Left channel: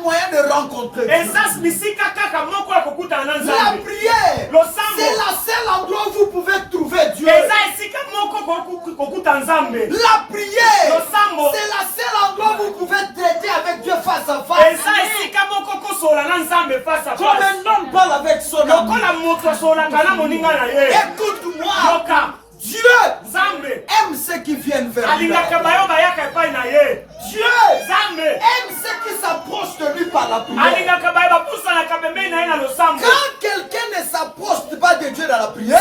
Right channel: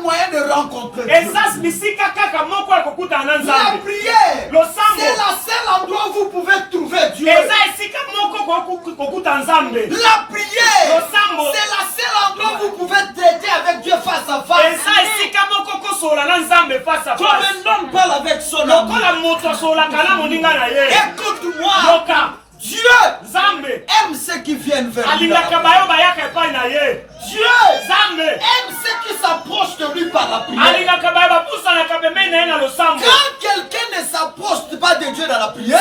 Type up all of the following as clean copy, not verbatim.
seul moyen de rencontrer Dieu. La prière, c'est la seule endroit où vous pouvez trouver Dieu. La prière, c'est la seule endroit où vous pouvez traiter avec Dieu face à face. Comme un homme parle avec son ami. Écoute-moi. Dieu aime ceux qui viennent vers lui. Dieu aime ceux qui s'approchent de lui par la prière. Quand quelqu'un ne s'approche pas de Dieu dans la prière,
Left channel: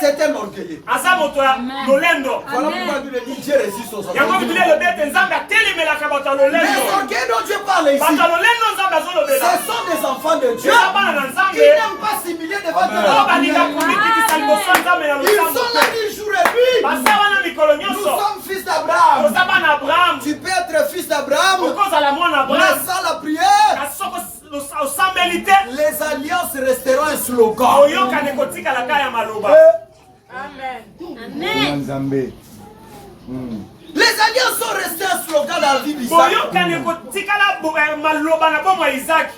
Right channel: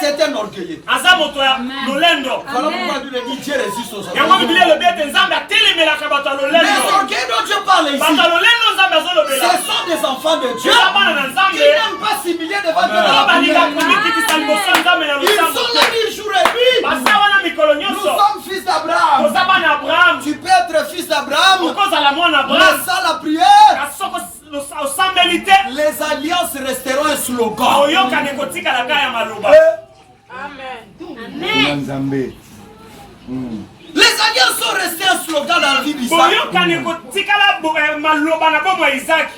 c'est un orgueilleux. Voilà pourquoi Dieu dit Dieu résiste aux orgueilleux. Mais l'orgueil dont Dieu parle ici, ce sont des enfants de Dieu qui n'aiment pas s'humilier devant Dieu dans la prière. Ils sont là du jour et nuit. Nous sommes fils d'Abraham. Tu peux être fils d'Abraham, mais sans la prière, les alliances resteront un slogan. Amen. Les alliances sont restées un slogan dans la vie d'Isaac.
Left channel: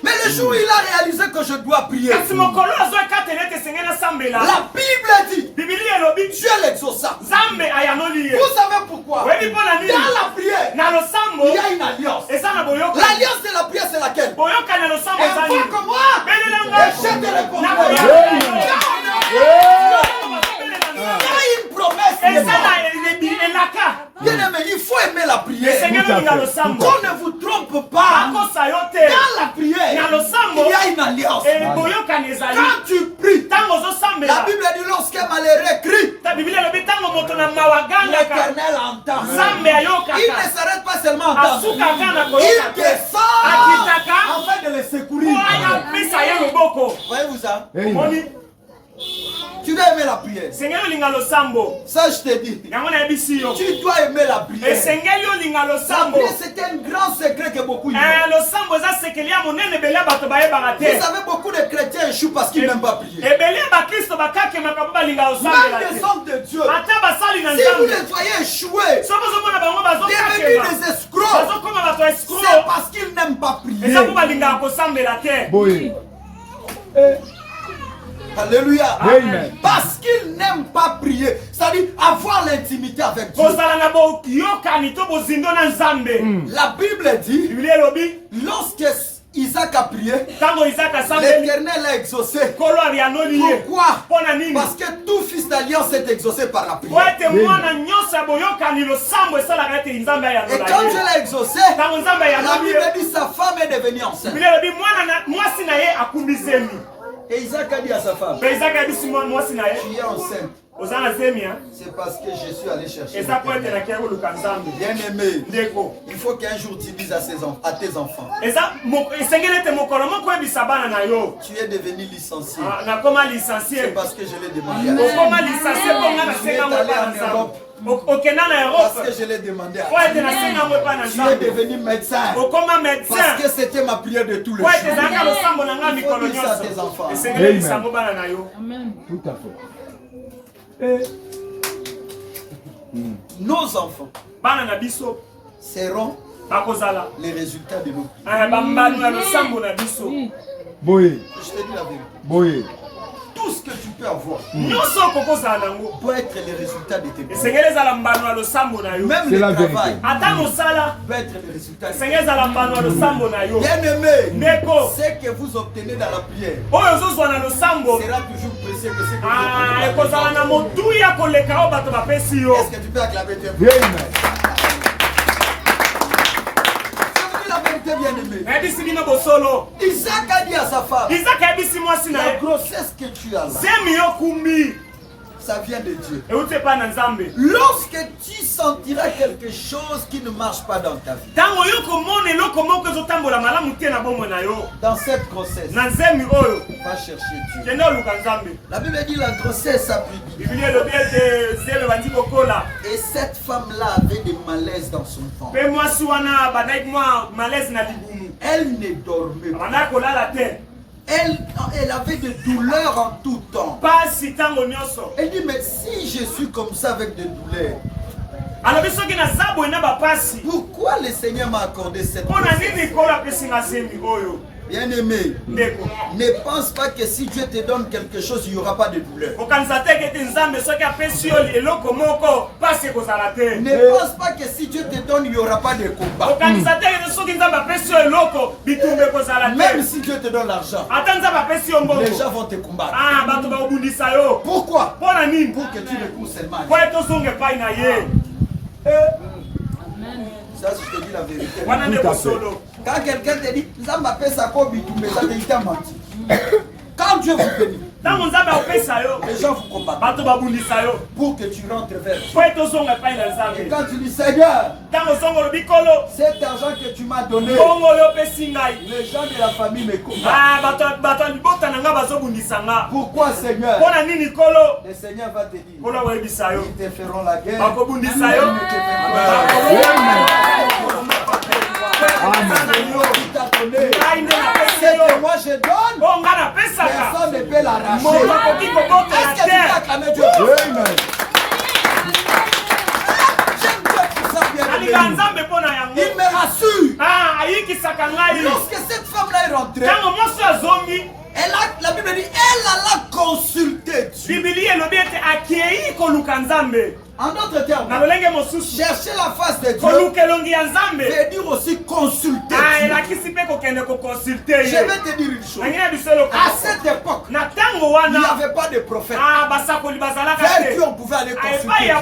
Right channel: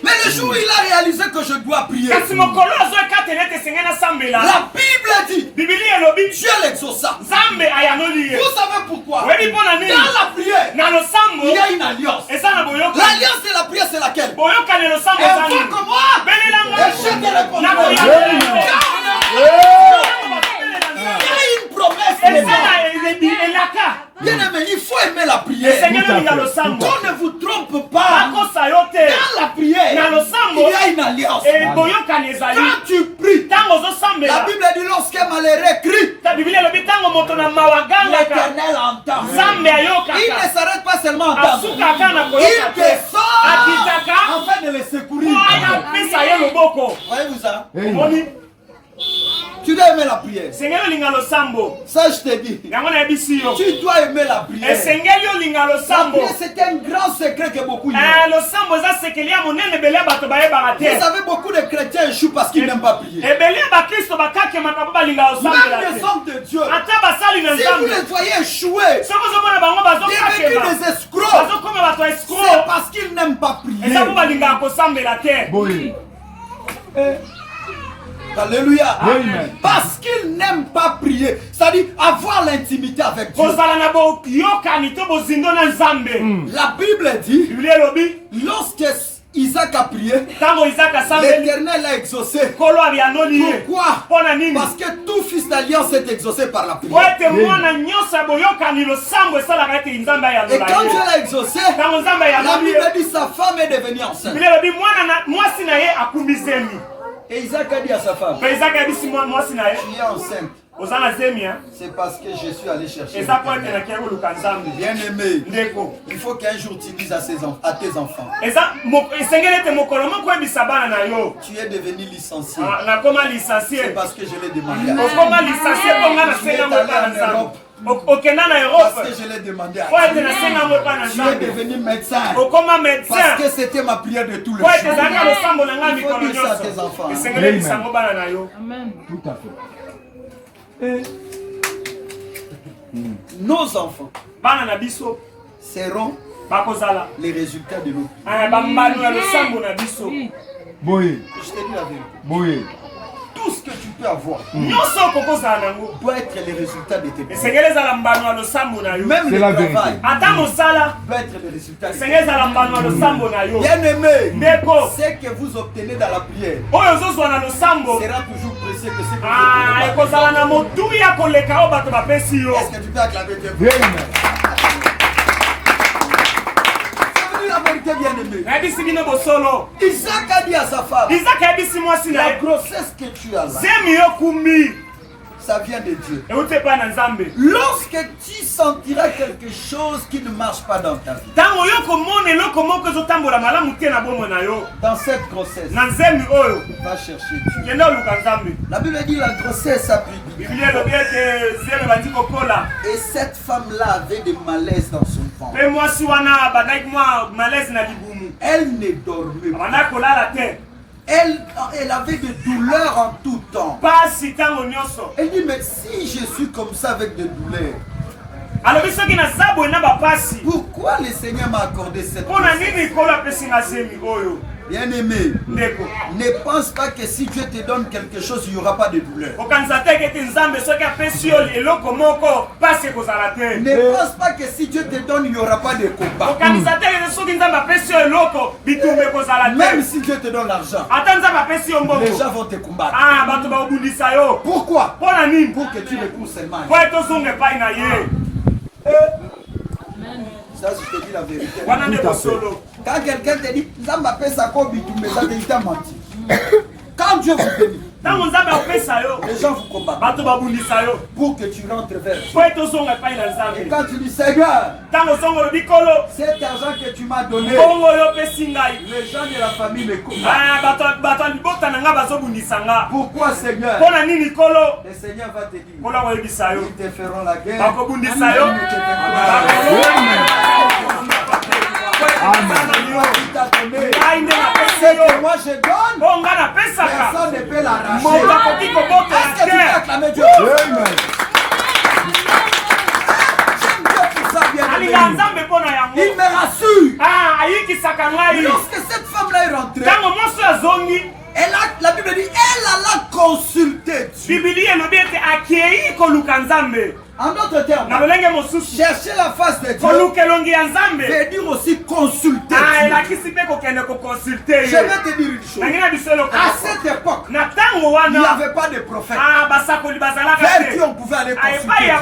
Mais le jour où il a réalisé que je dois prier, la Bible dit, Dieu l'exauça. Vous savez pourquoi? Dans la prière, il y a une alliance. L'alliance de la prière, c'est laquelle? Invoque moi et je te répondrai. Il y a une promesse. Bien aimé, il faut aimer la prière. Qu'on ne vous trompe pas. Dans la prière, il y a une alliance. Quand tu pries, la Bible dit lorsqu'un malheureux crie, l'Éternel entend. Il ne s'arrête pas seulement à entendre. Il descend afin de les secourir. Voyez-vous ça? Tu dois aimer la prière. Ça, je te dis. Tu dois aimer la prière. La prière, c'est un grand secret que beaucoup ignorent. Vous savez, beaucoup de chrétiens échouent parce qu'ils n'aiment pas prier. Même les hommes de Dieu, si vous les voyez échouer, devenir des escrocs, c'est parce qu'ils n'aiment pas prier. Alléluia. Amen. Parce qu'ils n'aiment pas prier. C'est-à-dire avoir l'intimité avec Dieu. La Bible dit, lorsque Isaac a prié, l'Éternel a exaucé. Pourquoi? Parce que tout fils d'alliance est exaucé par la prière. Et quand Dieu l'a exaucé, la Bible dit sa femme est devenue enceinte. Et Isaac a dit à sa femme, tu es enceinte. C'est parce que je suis allé chercher. Bien aimé, il faut qu'un jour tu dises à tes enfants, tu es devenu licencié. C'est parce que je l'ai demandé. Parce que je l'ai demandé à tu es devenu médecin. Parce que c'était ma prière de tous les jours. Il faut dire ça à tes enfants. Amen. Tout à fait. Nos enfants seront les résultats de nos prières. Je te dis la vérité. Tout ce que tu peux avoir doit être les résultats de tes prières. Même le travail doit être les résultats de tes prières. Bien aimé, ce que vous obtenez dans la prière sera toujours précieux que ce que vous obtenez. Est-ce que tu peux acclamer Dieu? Bien-aimé. Isaac a dit à sa femme, la grossesse que tu as là, ça vient de Dieu. Lorsque tu sentiras quelque chose qui ne marche pas dans ta vie, dans cette grossesse, va chercher Dieu. La Bible dit la grossesse a pris du temps. Et cette femme-là avait des malaises dans son ventre. Elle ne dormait pas. Elle avait des douleurs en tout temps. Elle dit, mais si je suis comme ça avec des douleurs, Pourquoi le Seigneur m'a accordé cette grâce? Bien-aimé, ne pense pas que si Dieu te donne quelque chose, il n'y aura pas de douleur. Ne pense pas que si Dieu te donne, il n'y aura pas de combat. Même si Dieu te donne l'argent, les gens vont te combattre. Pourquoi? Pour que tu le pousses seulement. Ça, je te dis la vérité. Quand quelqu'un te dit, il t'a menti. Quand Dieu vous bénit, les gens vous combattent pour que tu rentres vers Dieu. Et quand tu dis, Seigneur, cet argent que tu m'as donné, les gens de la famille me combattent. Pourquoi, Seigneur? Le Seigneur va te dire, ils te feront la guerre. C'est que moi je donne, personne ne peut l'arracher. Est-ce que tu peux acclamer Dieu? Il me rassure. Lorsque cette femme-là est rentrée, la Bible dit, elle alla consulter Dieu. En d'autres termes, chercher la face de Dieu veut dire aussi consulter Dieu. Je vais te dire une chose. À cette époque, il n'y avait pas de prophète vers qui on pouvait aller consulter Dieu.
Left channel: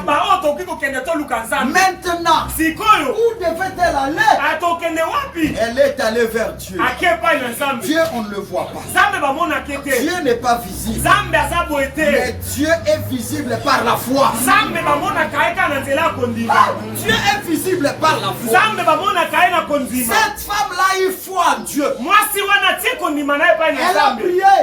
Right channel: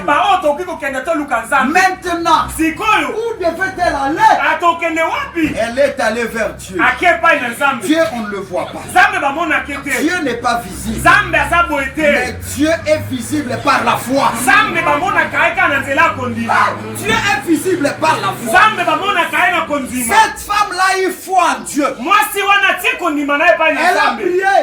Maintenant, où devait-elle aller? Elle est allée vers Dieu. Dieu, on ne le voit pas. Dieu n'est pas visible. Mais Dieu est visible par la foi. Dieu est visible par la foi. Cette femme-là, il foi en Dieu. Elle a prié.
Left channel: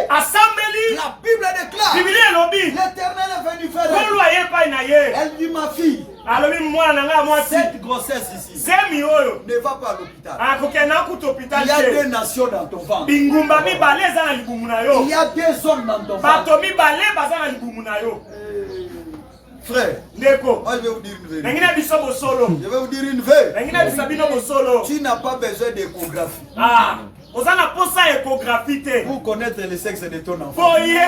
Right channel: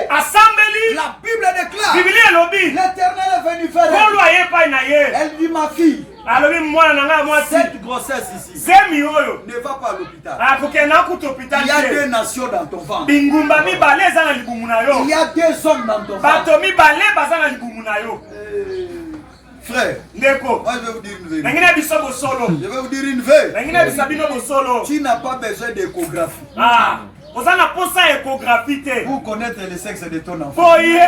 La Bible déclare, l'Éternel est venu vers elle. Elle dit, ma fille, cette grossesse ici ne va pas à l'hôpital. Il y a deux nations dans ton ventre. Il y a deux hommes dans ton ventre. Frère, moi je vais vous dire une vérité. Je vais vous dire une vérité. Tu n'as pas besoin d'échographie pour connaître le sexe de ton enfant. Dieu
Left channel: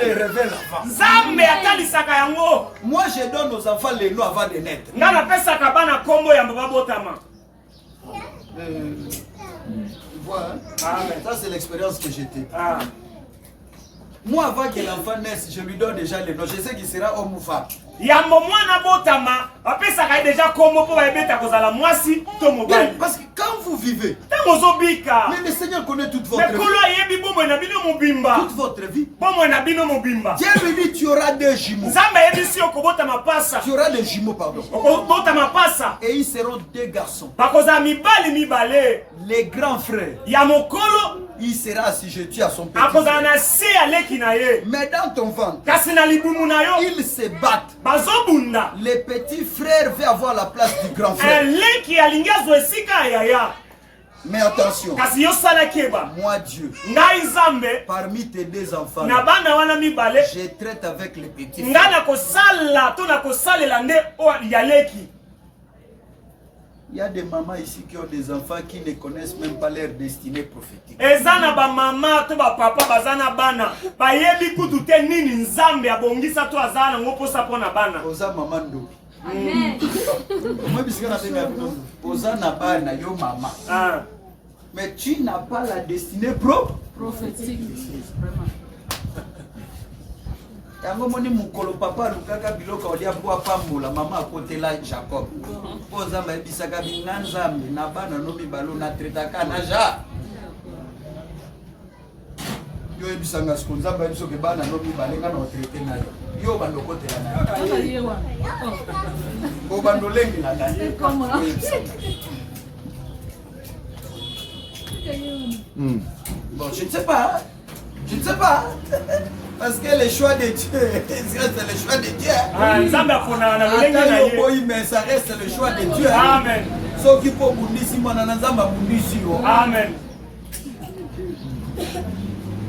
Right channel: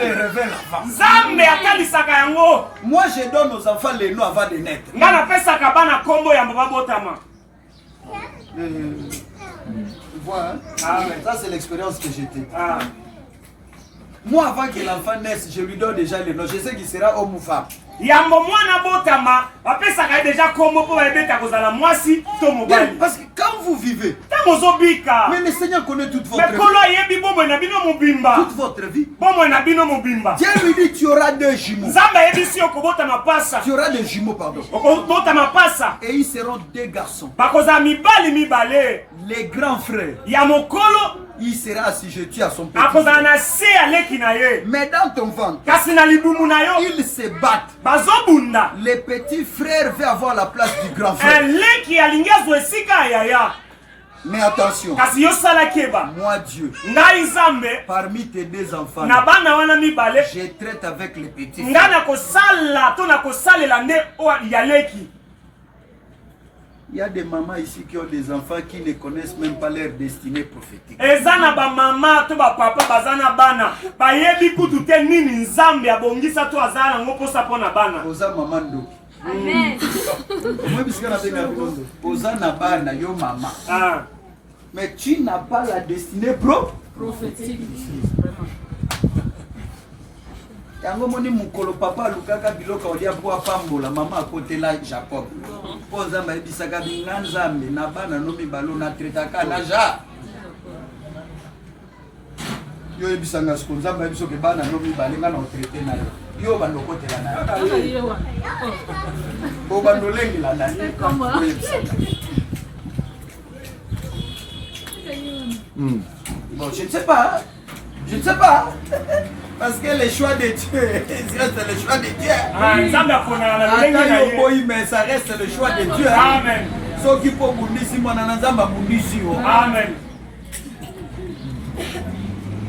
les révèle avant. Moi je donne aux enfants les noms avant de naître. Tu vois, hein? Ça c'est l'expérience que j'ai eue. Moi, avant que l'enfant naisse, je lui donne déjà le nom. Je sais qu'il sera homme ou femme. Parce que quand vous vivez, mais le Seigneur connaît toute votre vie. Toute votre vie. Dieu lui dit, tu auras deux jumeaux. Tu auras des jumeaux, pardon. Et ils seront deux garçons. Les grands frères, il sera assujetti à son petit frère. Mais dans ton ventre, ils se battent. Les petits frères veulent avoir la place du grand frère. Mais attention, moi Dieu, parmi tes deux enfants, je traite avec les petits frères. Il y a des mamans ici qui ont des enfants qui ne connaissent même pas leur destinée prophétique. Oza mamando. Amen. Oza nabana yo mama. Mais tu n'as pas la destinée prophétique. Yango moni mukolo papa lukaka biloka odia bwa pambola mama akotela Jacob. Poza bayebisaka binganzambe na bana no mibalo na tretaka na ja. Yo ebisanga skonza bayebiso ke bana no mibale nga na traiter na yo. Yo bandokotela na yo. Bo bandolengela na yo. Bon, je ne sais pas. Je ne sais pas. Parce que le choix de Dieu, c'est le choix de Dieu. Mais ça reste le choix de Dieu. Amen. Ceux qui peuvent bundisi, moi, Amen.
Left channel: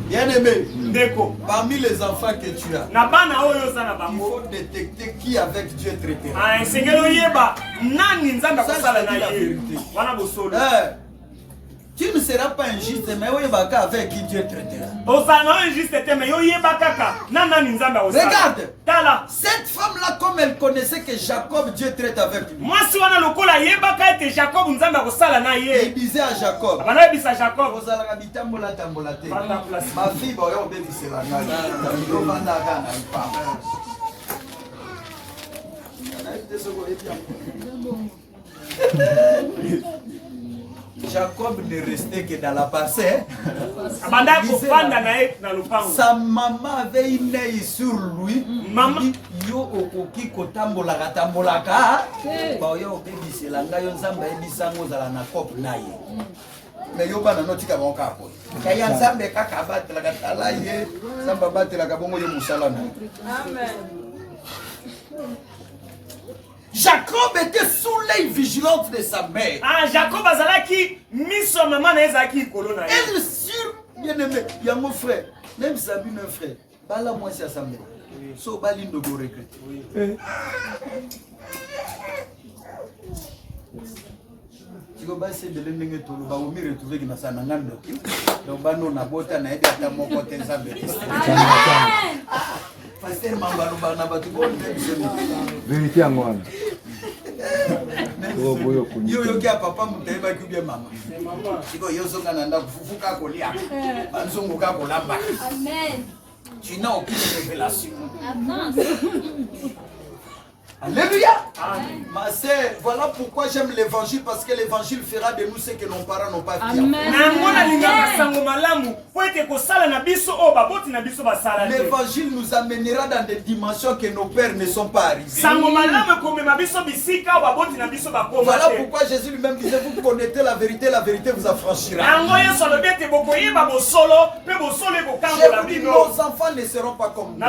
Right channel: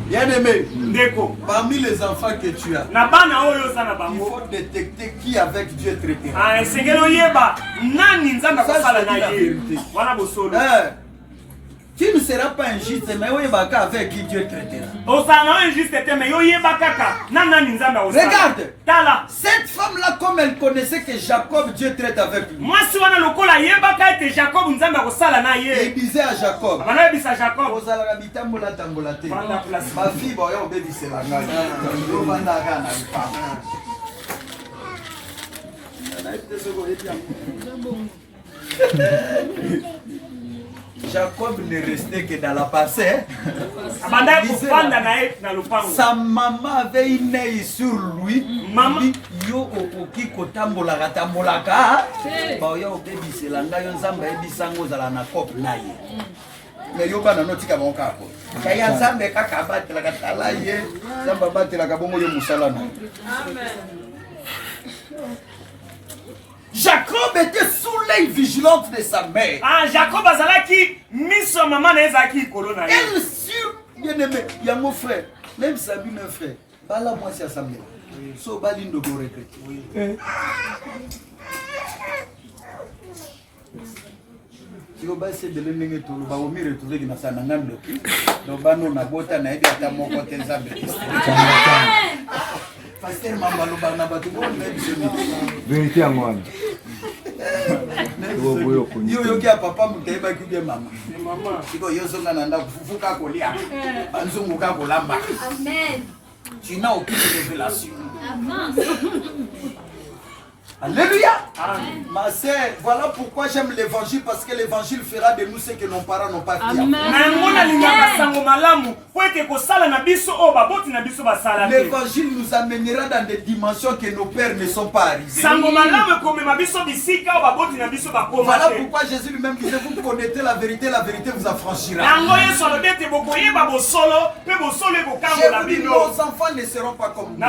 Bien-aimé, parmi les enfants que tu as, il faut détecter qui avec Dieu traitera. Ça, c'est la vérité. Tu ne seras pas injuste, mais avec qui Dieu traitera. Regarde, cette femme-là, comme elle connaissait que Jacob, Dieu traite avec lui. Il disait à Jacob, ma fille, Jacob ne restait que dans la passée. Sa maman avait une œil sur lui. Yo okoki kotambola katambolaka. Ba yo obebi selanga yo nzamba ebisango zala na kop naye. Mais yo bana notika bonka ko. Kaya nzambe kaka batela katala ye. Nzamba batela kabongo yo musala na. Amen. Jacob était sous l'œil vigilante de sa mère. Ah, Jacob azalaki miso maman na ezaki kolona. Elle sur bien-aimé, il y a mon frère, même Sabine frère. Bala moi c'est sa mère. So balindo go regret. Oui. Si on va essayer de l'emmener tout, on va me retrouver dans sa nangande. Donc bano na bota na edi ata moko te nzambe. Pasteur Mambalo Barnaba tu bon vérité à moi. Yo yo kia papa muteba kuge mama. Mama. Iko yo zonga nanda kufufuka kolia. Anzunguka kolamba. Amen. Tu n'as aucune révélation. Amen. Alléluia. Amen. Ma sœur, voilà pourquoi j'aime l'évangile, parce que l'évangile fera de nous ce que nos parents n'ont pas fait. L'évangile nous amènera dans des dimensions que nos pères ne sont pas arrivés. Voilà pourquoi Jésus lui-même disait, vous connaîtrez la vérité vous affranchira. Je vous dis, nos enfants ne seront pas comme nous.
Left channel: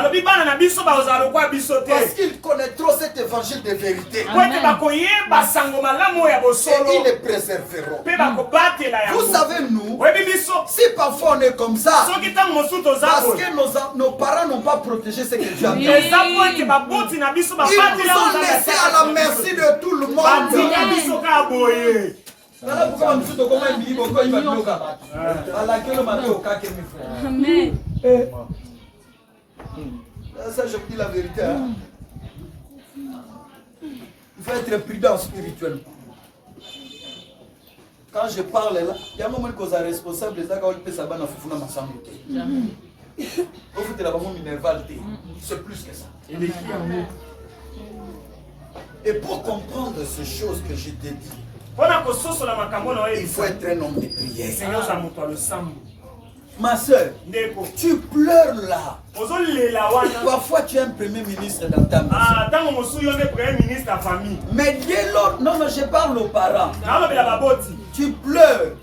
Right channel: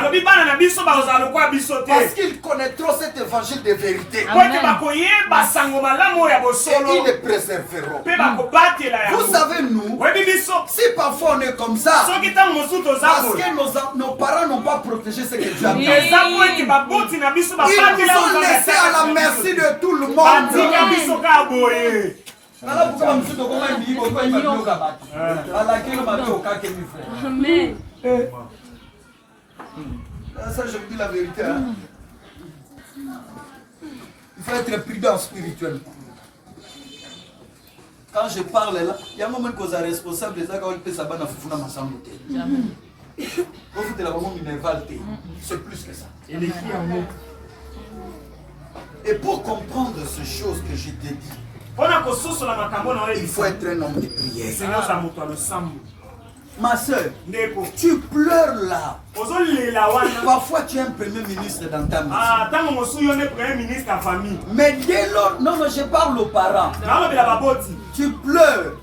Parce qu'ils connaîtront cette évangile de vérité. Et ils les préserveront. Vous savez, nous, si parfois on est comme ça, parce que nos parents n'ont pas protégé ce que Dieu a fait. Ils nous ont laissé à la merci de tout le monde. Amen. Ça, je vous dis la vérité. Hein? Il faut être prudent spirituellement. Quand je parle là, il y a un moment que vous êtes responsable de ça quand vous faites ça, vous faites ça. Quand vous faites la maman minervale, c'est plus que ça. Et pour comprendre ces choses que je t'ai dit, il faut être un homme de prière. Ma soeur, tu pleures là. Parfois tu es un premier ministre dans ta maison. Mais dès lors, non, je parle aux parents. Tu pleures.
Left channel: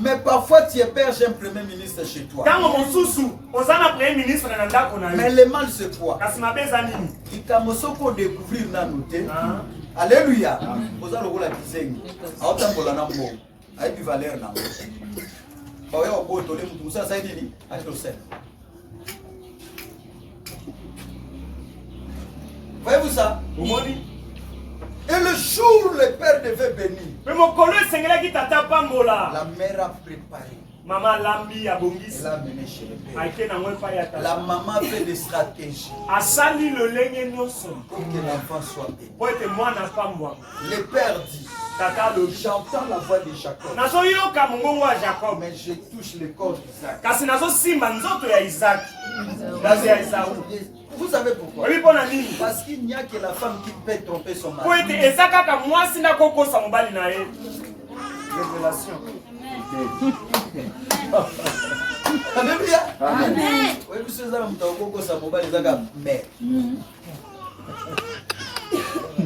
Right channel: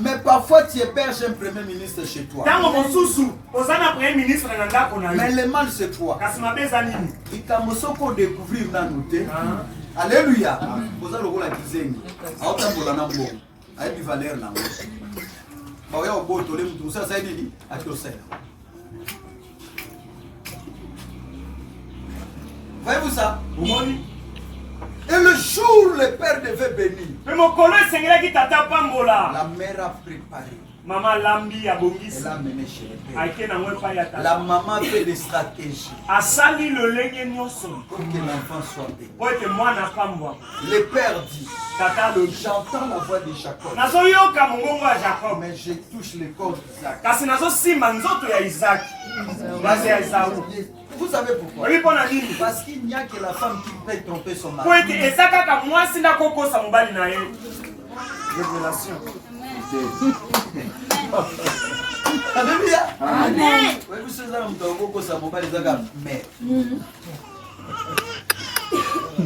Mais parfois tu héberges un premier ministre chez toi. Mais le mal c'est quoi? Il t'a découvrir dans nous. Alléluia. Vous avez la kizengi. Avec valeur là. Voyez-vous ça? Et le jour le père devait bénir, la mère a préparé. Maman lambi a bongisi. Elle a mené chez le père. La maman fait des stratégies pour que l'enfant soit béni. Le père dit, j'entends la voix de Jacob, mais je touche le corps d'Isaac. Vous savez pourquoi? Parce qu'il n'y a que la femme qui peut tromper son mari. Révélation. Alléluia. Amen.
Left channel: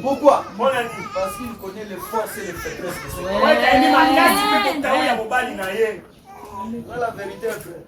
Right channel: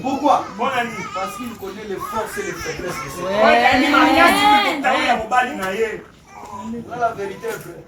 Pourquoi? Parce qu'il connaît les forces et les faiblesses de ses parents. La vérité, frère.